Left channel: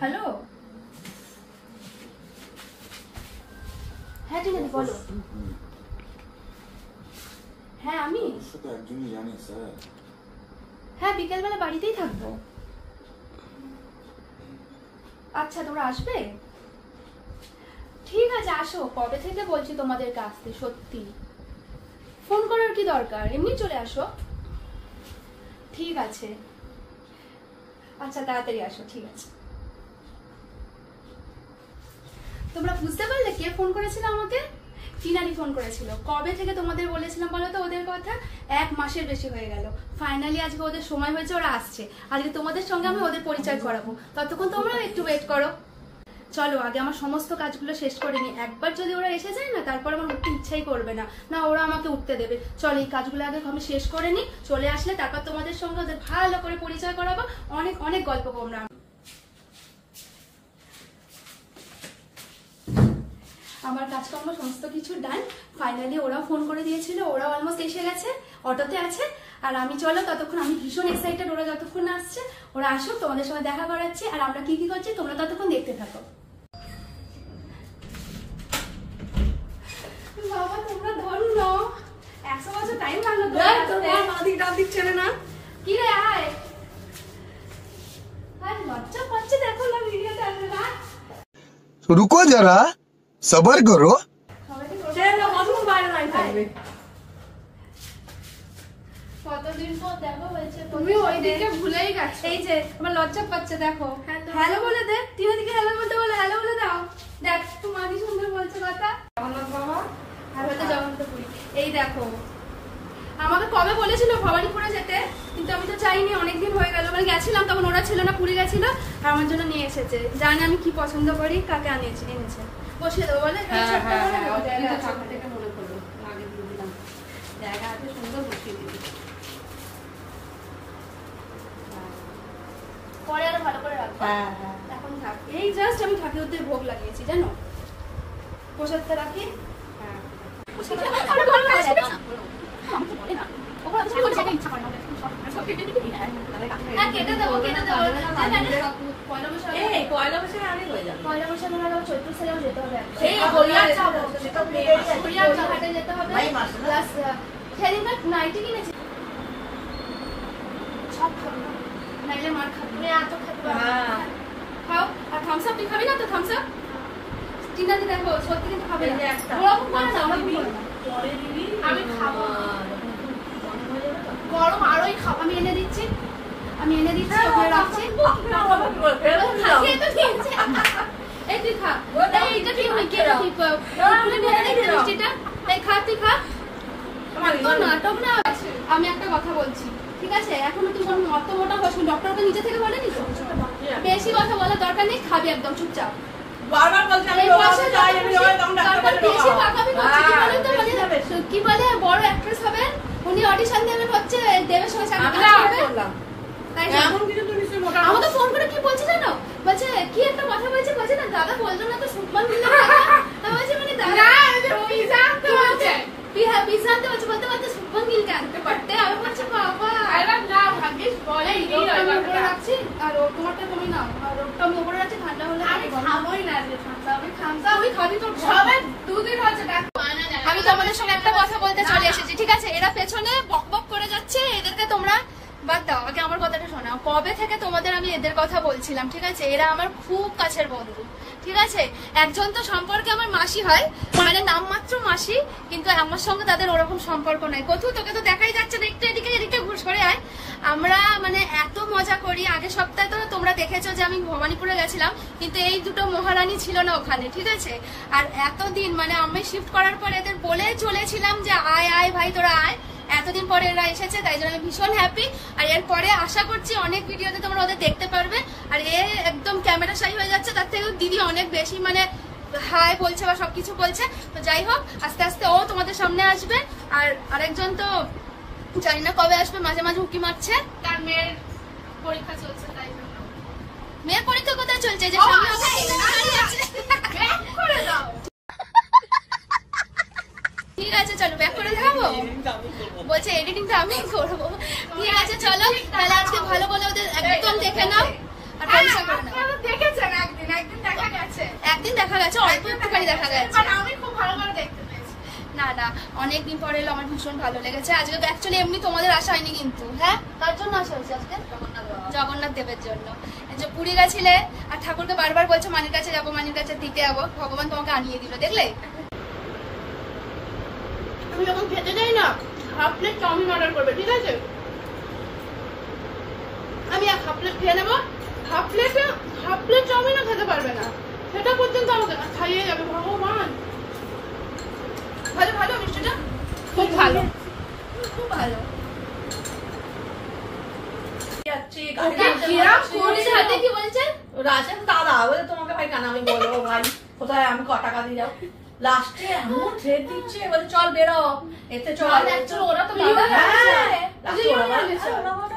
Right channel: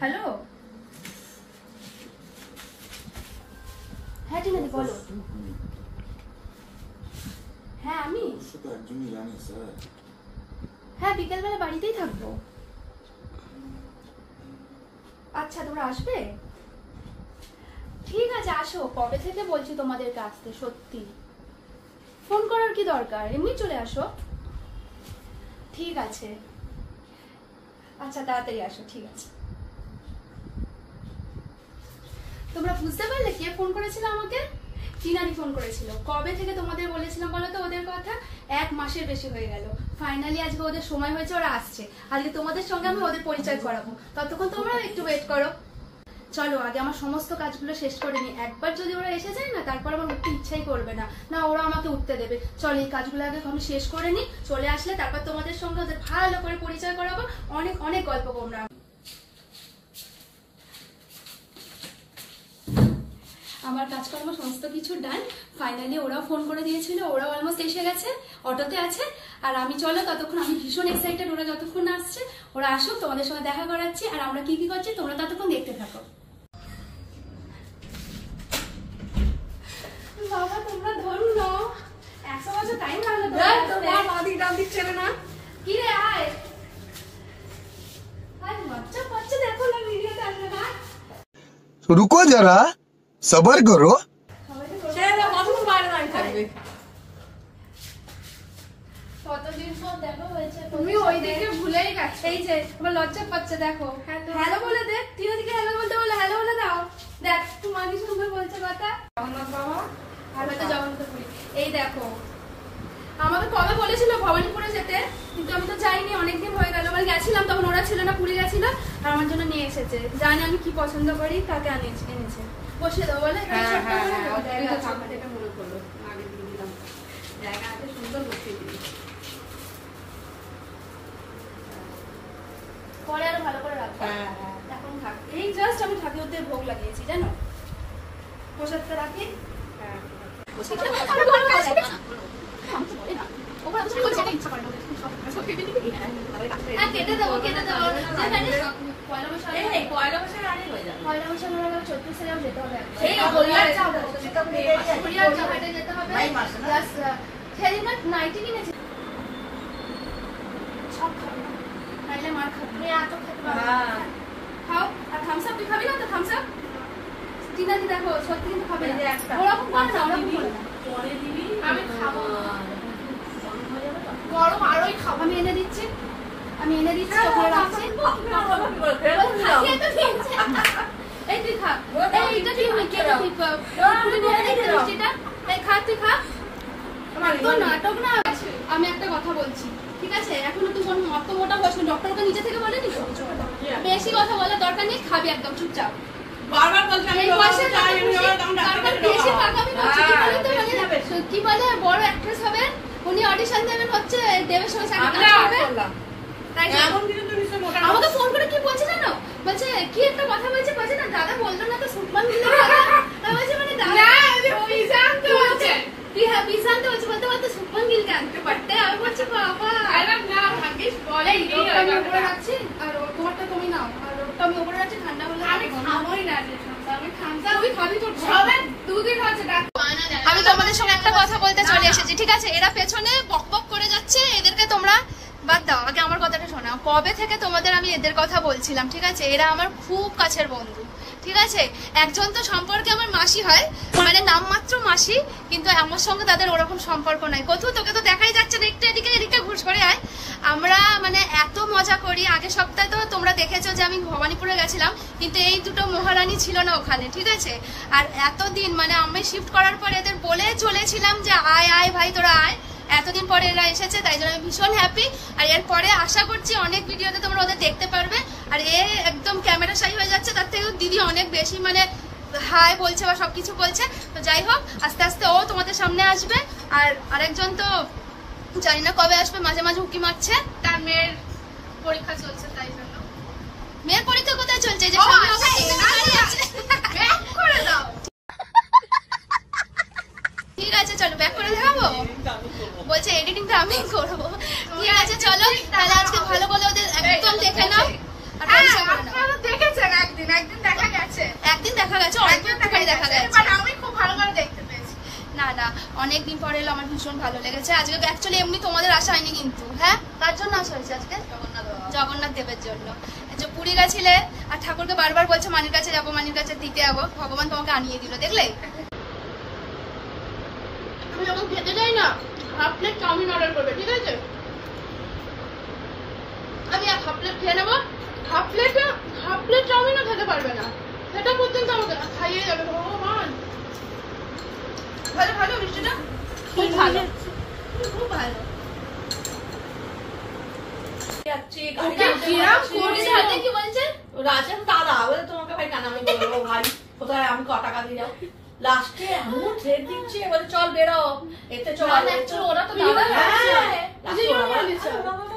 Hello, হ্যাঁ টিনাদি বলো। হ্যাঁ আমি হ্যাঁ বিকেলবেলা বাড়িতেই থাকবো। আচ্ছা তোমরা আসবে? ঠিক আছে আসো, কবে থেকে বলছি তোমাদেরকে আসতে, সত্যি ফোন করার কি দরকার, এমনি চলে আসো। ঠিক আছে আচ্ছা তাড়াতাড়ি আসো, ঠিক আছে। তোমরা বুঝতে পারলে কে ফোন করেছিল আমাকে? টিনাদি ফোন করেছিল। কবে থেকে তোমাদের বলেছিলাম বলো তো ওদের কথা? 1 মাসের বেশি হয়ে গেল। ফাইনালি আজকে ওদের সময় হয়েছে, ওরা আসছে। আজকে তোমাদের সঙ্গে আমি ওদের পরিচয় করাবো, ততক্ষণ তোমরা একটু ওয়েট করো। চলো আগে আমার সমস্ত কাজগুলো শেষ করে নি। একবার যদি ওরা এসে যায় না, তারপর আমার উঠতে ইচ্ছাই করবে না, না ওরা আমাকে উঠতে দেবে। চলো এই কাজগুলো আগে আমি শেষ করে নি, চলে আসলে তারপর তোমাদের সঙ্গে ওদের ভালো করে পরিচয় করাবো, অনেক অনেক গল্প করবো। আমার কাজকর্ম সমস্ত কিছু ডান। ফাইনালি ওরাও ফোন করে দিয়েছিল, ওরাও অলমোস্ট এসে গেছে, অটোতে আছে। আর আমি চলো ততক্ষণ, আমি ভীষণ এক্সাইটেড ওরা যতক্ষণ না আসছে। ওরা আসুক, তোমাদের সঙ্গে দেখা করাচ্ছি, আর আমরা কি কি করছি তোমরা ততক্ষণ দেখতে থাকো। বাবা তোমরা ধরো না, 100 বছর টাইম লাগলো। ছেড়ে না কি রে, আয় আয়, লজ্জা পাচ্ছে দেখো না ভিডিওতে আসবে না। रुको जरा सबर करो। কতদিন পর দেখা হয়েছে, তুমি ওই দিকে ভুলেই গেছো। এই যে আমার লজ্জা পাচ্ছে দেখো। হ্যালো বলে দে, তিন দিকে হ্যালো বলতে বলে হ্যালো বলে দাও। দেখ তোমার কি সুন্দর বলছে কথা। আর হয়তো জগন্নাথপুরি। এই দেখো আমাকে কবে বলেছিল ভবানীপুরে যেতে, কিন্তু আমি তো যাইনি, অনেকদিন হয়ে গেল। মানে গেছিলাম তখন ওরা ছিল না, পুরী গেছিল, আর আমার জন্য নিয়ে এসেছে। জানি আমি কি পছন্দ করি, কাকে এনেছে। বসে দেবো বলে পরে আরো ভালো করে রাখবো। এখন থাক, এই জাস্ট আমি ঠাকুরদের ভোগ লাগিয়েছি জানো, প্রসাদটা রাখি। কেটে দেবো পয়লা বৈশাখ আমরা 34 সালেও যেতে হবে, যেতে হবে। সেদিন নাইটি কিনেছি, সব খাবো নাইলে মার খাবো, এত খাতে খাও। আর থামস আপ তুই খাবি না তো? থামস আপ টিনাদি দেখো সত্যি কিন্তু খাবে না, ওরকম করে না, আমি খাবো গরম আরোই খাবো। আমি এনে দিচ্ছি, ওখানে রাখছি। এই তুই খা, নাটক না। আমি একটা কথা বলছি, ঠিক আছে? এখন তুই অত মোটা হস, ডক্টরকে নিচে থেকে বলেনি তো, বেশি কথা বলার দরকার নেই, খাবি একদম চুপচাপ। কি বলে বড় অ্যাক্ট্রেস হবেন উনি, অডিশন দেবেন হচ্ছে দেবের সঙ্গে। আমাকে ফোন করে কি বলছে জানো? বলছে কি একটা কথা বলছে, বলছে না দাদা বললো না তো সুলতান বলছে, মানে দাদা বিশান্তে বলছে, বিশান্তে বলছে, বলতে বলতে সুলতান গিলকে আনতে পারতে। আমি বলছি বাবা না ভাগ্যিস বলে রাখছি, আর তোমারটা তুমি নাও, আর ওটা আমি ওপরে রাখছি। ঠান্ডা বলে আমি খাবোই না, ঠান্ডা আমি ঠান্ডা ওই খাবি তোর সবাই দুদিন হচ্ছে। আমি তোমাদের সঙ্গে একটা কথা বলতে চলে এসেছি, ঠিক আছে? এরা পেছনে বক বক করে যাচ্ছে, এদেরকে তোমরা বাদ দাও, আগে আমার কথাটা শোনাও। কবে থেকে তোমাদের আমি এদের কথা বলছিলাম, ঠিক আছে? এরা আমার খুব কাছের বন্ধু, ঠিক আছে? একজন তো সম্পর্কে আমার মাসি হয়, মানে নামমাত্র মাসি, কিন্তু আমার সঙ্গে তাদের ওরকম সম্পর্ক নাই। কোথাও তোকে তো দেখাই যাচ্ছে না, একটু এদিকে এদিকে ঘুষ করে আয়। আমরা মানে এত মজা করি। আগের সপ্তাহে তো তোমরা দেখেছো যে আমি ভবানীপুরে গেছিলাম, কিন্তু এই দুটো মহারানী ছিল না ওখানে, ঠিক আছে? আর এতদিন মানে আমি শিফট করার পর এদের বলে চলেছিলাম যে আয় আয় ভাই তোরা আয়, এতদিন পরে এরা এসেছে, তাই জন্য আমি ভীষণ হ্যাপি। আর এরপরে আশা করছি অনেক ভিডিওতে তোমরা ওদের দেখতে পারবে। আর এ একদম ক্যামেরা শাই হয়ে যাচ্ছে, তার থেকে দিদি অনেক বেশি মানে হাই বলছে বা সবকিছু বলছে। তো যাই হোক, আস্তে আস্তে ও তোমাদের সামনে আসবে। আর আরেকজন তো জানি না কবে আসবে, মাঝে মাঝে উঁকি মারছে, তার মেয়ের পরীক্ষা চলছে, তাই জন্য। মেয়ের পরীক্ষা কোথায় চলছে? যে ঠিক আছে চলো ব্যাক করে দেখাবো, বলছে এডিটিংটা আমি করবো। ঠিক আছে চলো তাহলে আজকে ভালো করে ওদের একদম দেখে নাও। দেখেছেন একদিন দেখা গেছে, একদিন দেখা গেছে, অল্প একটুখানি দেখা গেছে, আমি খুব ভালো করে দেখতে পেয়েছি। না না অনেকদিন পরে এলো, আমার ভীষণ ভালো লেগেছে। আজকে অ্যাকচুয়ালি এমনি তোমাদের আশা হয়নি কিন্তু। হ্যাঁ কার জন্য আসা হয়েছে আজকে? জগন্নাথ দেবের জন্য। পুরী গেছিলে আর ঠাকুরকে বারবার বলছে মানির কাছে যাবো, মানির কাছে দিতে যাবো, ভগবান তোমাকে আনিয়ে দিল, দেখলে? আমি যখন খেতে যাই না, হাফ প্লেট চাউমিন অর্ডার করবে, ঠিক আছে? আমি হাফ প্লেট খেয়ে নেবো, হাফ প্লেট চাউমিনও খেতে পারবে না, সেটা পর্যন্ত আমাকে খাইয়ে যাবে। ভগবান ভালো ভালো, মিষ্টিটা খুব ভালো, খুব ভালো। তোমাকে ভাই কেন আমি বলবো ভাই কোথায় আমি ক টাকা দিয়ে যাও, লাস্টে এমন থ্রেড দিচ্ছে বলে চল বেরো এতে চল। ওরা তো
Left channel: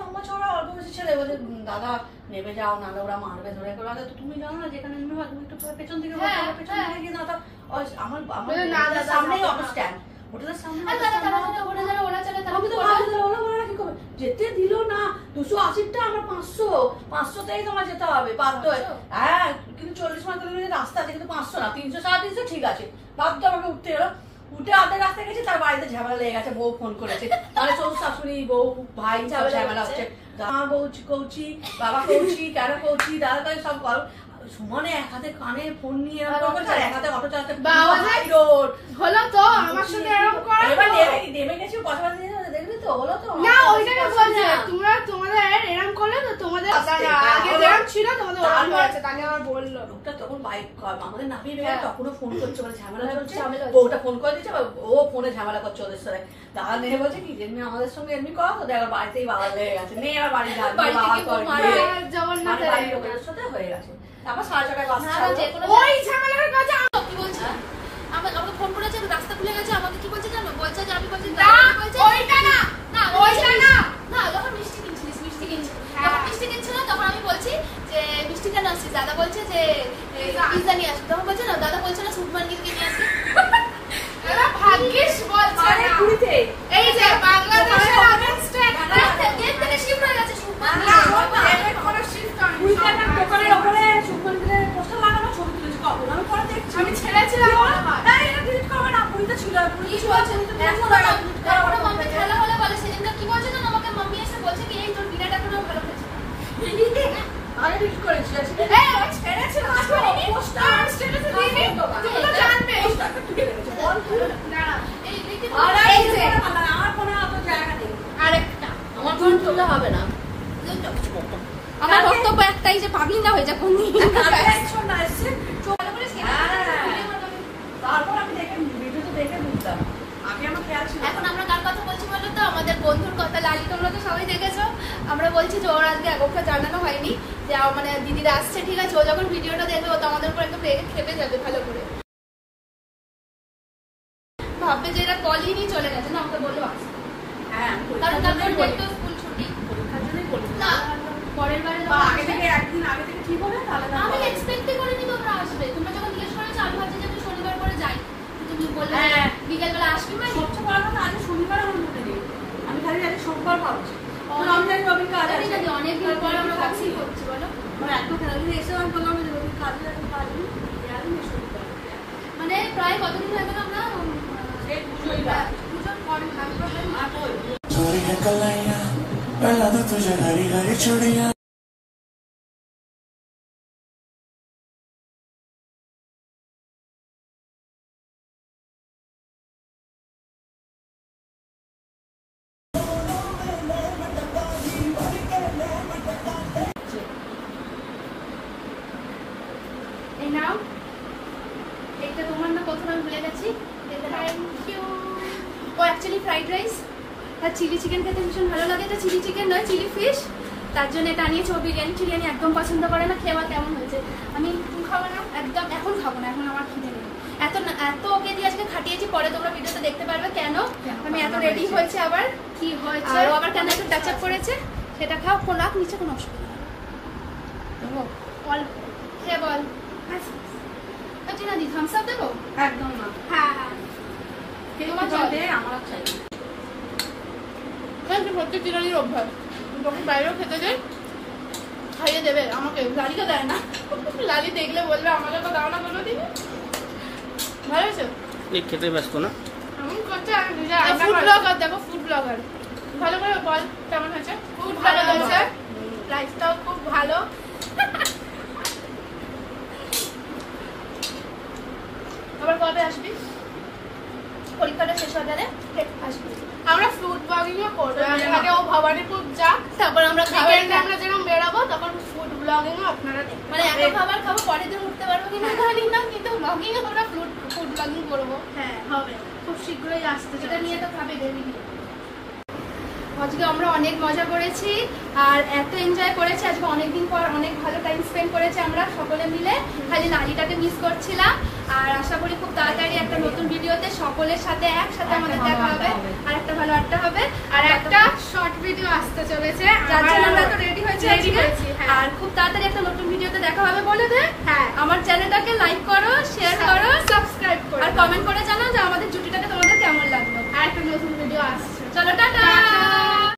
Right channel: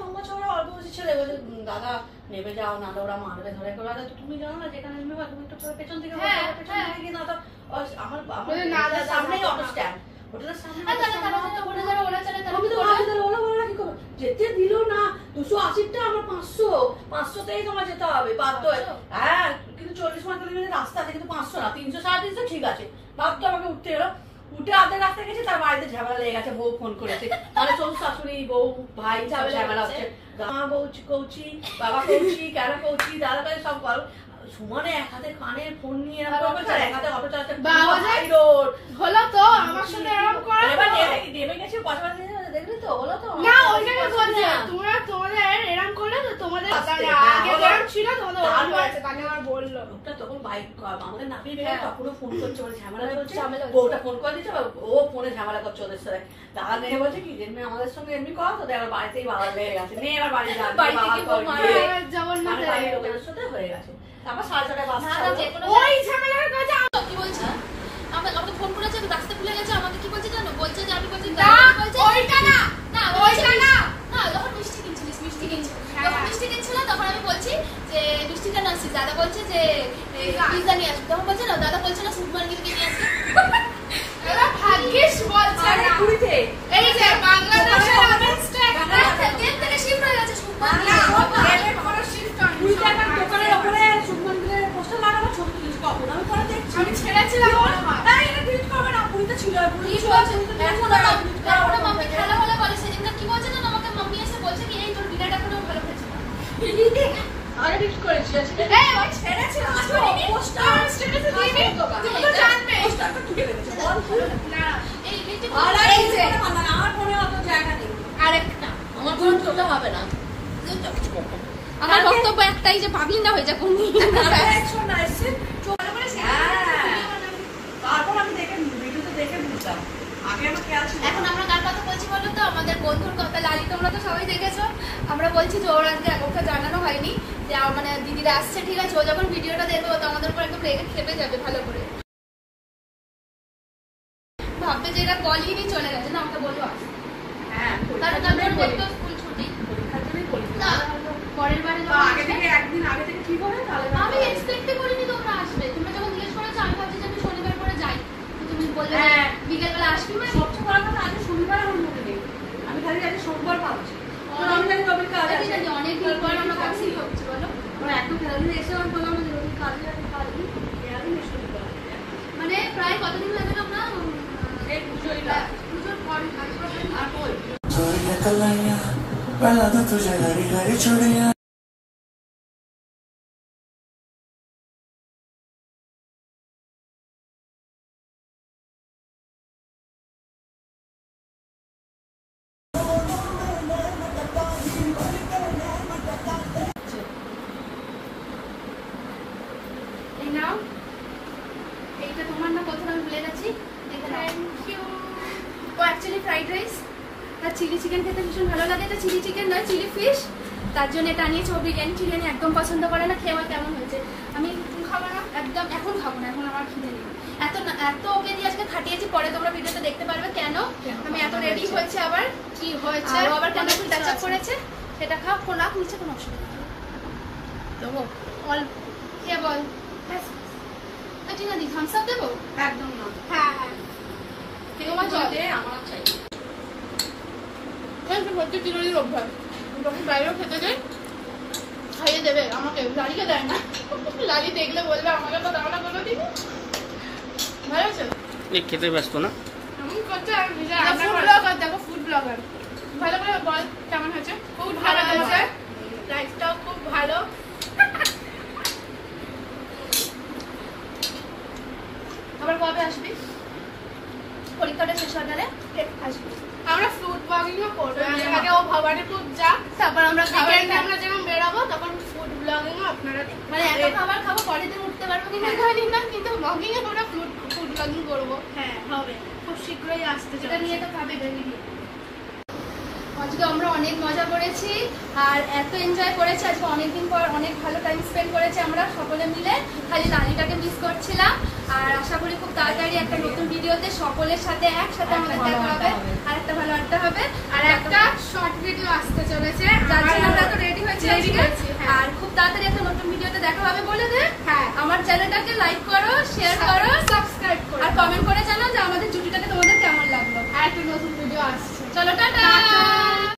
লম্বা চওড়া অল্প বেশি ছেলে বলছে দাদা নেমে যাও, নাহলে ওরা মারবে ধরে করে। তুমি জানো না যেখানে নেমে তুমি একটু পেছন থেকে পেছন থেকে গিয়ে না তো আমার সামনেই অটো স্ট্যান্ড, হোটেলের সামনে যেতে দিল না। 280টা আমার 500তেই তোমার যেতে হবে বাধ্য। হ্যাঁ কিন্তু 40 মিনিট রাস্তা আছে, কিন্তু 500 না, 360 ঠিক আছে, বাধ্য আমাকে উঠতে হলো। উঠে আধা রাস্তা গেছে, তার বাড়িতে ঝামেলা লেগে গেছে, বউ ফোন করেছে, তাহলে শ্বশুর শাশুড়ি বউ ভাই ঝামেলা হচ্ছে, মা কৌছি বাবা কৌছি কেন কৌছি দাদা কাছে সব গল্প সমানে এক হাতে কানে ফোন নিয়ে এক হাতে অটো চালাচ্ছে হলো তো আমার সাথে এরকম করে। এবার নেমে গেছি পাশাপাশি, দেখলি তো হলো তো না, ওইটাকে বলছে তোমরা তোমাদের এরকম করলে তো তোমাদের আগে যেরকম ছিল তোমাদের ওরকম হয়েছে, তাকে আমার বললো লোকটা তখন বাইক আমাদের নামিয়ে বের তখনও ফোন করছে, মানে ঝামেলা চলছে, বউটা ফোন করে দিচ্ছে, ও ফোনে ঝামেলা করছে ওদের সাথে। দাদা মেয়ে বলছে কি যেমনি আমাদের সঙ্গে এমনি করা তো দেখ বাড়িতেই বাবা লেগে গেছে, মেয়ে আর বাড়ি যাবে বাড়ির লোকের সাথে হয়ে গেছে। তারপর 6:30টায় বাস ওই ঝামেলার কথা কি বলছে, আমাকে ফোন করেছে, রাস্তা খুলে গেছে, আমাকে কি বলছে জানো, বলছে যে আমি বলছি ওইটা না না ওইটা না না, যখন মিষ্টি কিনছিলিস মিষ্টি কিনছিল তখন আমি বলছি যে মিষ্টি কেন আসছিস, দাদা বলছে যে পিজা নিয়ে আসবি, তখন বলছে না দাদা বলছে না সুপমান গিয়ে নিয়ে আসবি। এরা ভাগ্যিস বলছে না পুরীতে, এই যে বাংলাদেশের আনস্ট্যান্ড দেশ থেকে শিফট হয়ে গেছে সুপমান, না কোনো শিফট হয়নি, পুরীতে একটা দোকানের উপরে সুপমান গিয়ে পোস্টার লাগানো, ছবি তুলেছি কখন আমি পরে দেখছি, আমি ছেড়েছিলাম না এটা ডিলিট করবে না, পুরীতে ছিল পুরীতে ছিল এখন মাম্মি খেলা হলে বলে সেদিন কি বলছে না আমাকে, মাম্মি এসে বলছে কি এই তোর ডিনার এখনো ভালো হয়েছে আরে ডিলিট করেছিস এই ওই ছেড়েছিলাম আসলে পোস্টার স্ট্যাটাসে দিবি তুমি তো জানবে পোস্টারটা তুলে রেখেছে না এই ডিলিট আর এই যে আমার ফোনে অত জায়গা নেই, আরেকটা আমার ফোন তুলতে হবে না। আমার বক্তব্য একটাই যে পাবলিক না হয়ে যা কোন শোন না এসে চলে করে তারপর আমি দেখে ভিডিওতে দেখে বুঝলাম, আগে আমি খেয়াল ছিল। এখন আমরা কার কথা বলছি বলো তো, আমাদের বন্ধুর কথা। লালি তোমরা তো সবাই দেখেছো, আমরা বলছি যে ওর আজকে ওকে জানানো হয়নি যে মানে দিদিরা আসছে, ঠিক আছে, ও যখন ভিডিওটা দেখবে ও তো আমাদের উপর একটু রেগে খেতে যাবে ভালো করে, ভাববে যে এরা কলই চলে গেছে না, আমরা বলবো হ্যাঁ কারণ তারপর দেখতো স্কুল ছুটি পরীক্ষার জন্যই বলি না পরের বারে আগে থেকে একদিন আগে থেকে ঠিক হবে তাহলে আমি এক্সপেক্ট করিনি তোমরা আসবে, তোমরা যখন জিজ্ঞেস করেছো আমি ভাবছি যে আমি শনিবার করে যাই, তুমি বললে বিকেল বেলা আসবে না, সবচেয়ে বড় কথা আজকে শনিবার আমার মনে নেই, আমি খালি জানি সোমবার ভাবছি, আমি জানি রবির কাজ আছে, জানি অনেক দিন পর আমরা কাজই হচ্ছে বলো, মানে একদম খেলা দিনে এসে আমি বললাম যে রবির কাজ আছে, কাজ নেই আমি শনিবার মানে প্রায় কতদিন লাগে আমরা এই পুজোর পর থাকবো না কই कलाइया पहला तो तुझे लड़ी लड़ी छोड़िया নাও এইটা তোমার না কথা আমি ভুলে যাচ্ছি, থ্যাংক ইউ। ও অ্যাকচুয়ালি ফ্রাইড রাইস চিকেন খেতে ভীষণ ভালো লাগে, এটা চিলি চিকেন নয়, চিলি ফিশ, তার জন্য এটা আনিয়েছে। ও বিরিয়ানি একদম পছন্দ করে না। খেয়ে কেমন হয়েছে? আমি খাবো না একদম, এখন খাবো না, এখন আমার খিদে নেই। এত ওকে দিয়ে আজকে খাটিয়েছি, পরে তোমরা ভিডিওতে দেখতে পারবে কেন আমি এত রেডি হয়েছে। আবার কি হয়েছে, আবার কেন একটু টাচ আপ করেছে, সেটা খাও। কোন লাভ নিচে কোনো অসুবিধা দেবো, বল খেয়ে বল। ঠিক আছে, থামস আপ দেবো? একদম না। হ্যাঁ তোমার জল দে, আমার চাই। ভর্তি বিরিয়ানির অভ্যাস, যখন বাইরেও খেতে দেয় খাইয়ে দেবে আমাকে, লালিকে দেয় না। লালি দেখলে বলবে আমাকে তো দাও না কোনো দিন। ভালো হয়েছে? এই খেতে ব্যস্ত না এমন করছে, আর নিজে রান্না করে। ফুড ব্লগার দেখো, ফুড ব্লগার। ভালো করে বল কেমন হয়েছে? খুব ভালো হয়েছে, রাইসটাও খুব ভালো। আবার কবে আসবি? পরীক্ষাটা শেষ হয়ে গেলে আসবি। আমরা ফ্রুট ব্লগিংও করবো। আগে ও ভবানীপুর যা, তারপর আমরা উইকেন্ডে আমরা যখন বেরাবো তখন ফুড ব্লগিংও আপনারা দেখবেন। মানে এত খাবার খাবো, পরের দিন উঠতে পারবো কিনা জানি না, কিন্তু ব্লগিং এ আমরা ফুড ব্লগিং করবো। হ্যাঁ হবে, খুব শীঘ্রই আসছে, সেটা নিয়ে তো ভাবে ডেলি। আজকে আমরা অনেক মজা করেছি আর এত এনজয় করেছি। আজকে অনেকদিন পর অনেক ভালো টাইম স্পেন্ড করেছি আমরা সকলে মিলে। খালি লালিটাকে মিস করছিলাম। আর আশা করি খুব তাড়াতাড়ি একটা নতুন ভিডিওতে সকলের সাথে একসাথে আমাদের দেখা হবে, আর একটা ভালো আড্ডা হবে, আর একটা শর্ট ভিডিও আসতে চলেছে, যার জন্য আমরা তো রেডি হয়েছি। আর খুব তাড়াতাড়ি একটা নতুন ভিডিওতে দেখা হবে বলে দে। হ্যাঁ, আমার চ্যানেলটাকে লাইক করো, শেয়ার করো, সাবস্ক্রাইব করো, আর কমেন্ট করে জানাও যে আমাদের জুটিটাকে তোমাদের কেমন লাগলো। আর একটা নতুন ভিডিও আসছে। চলো টাটা।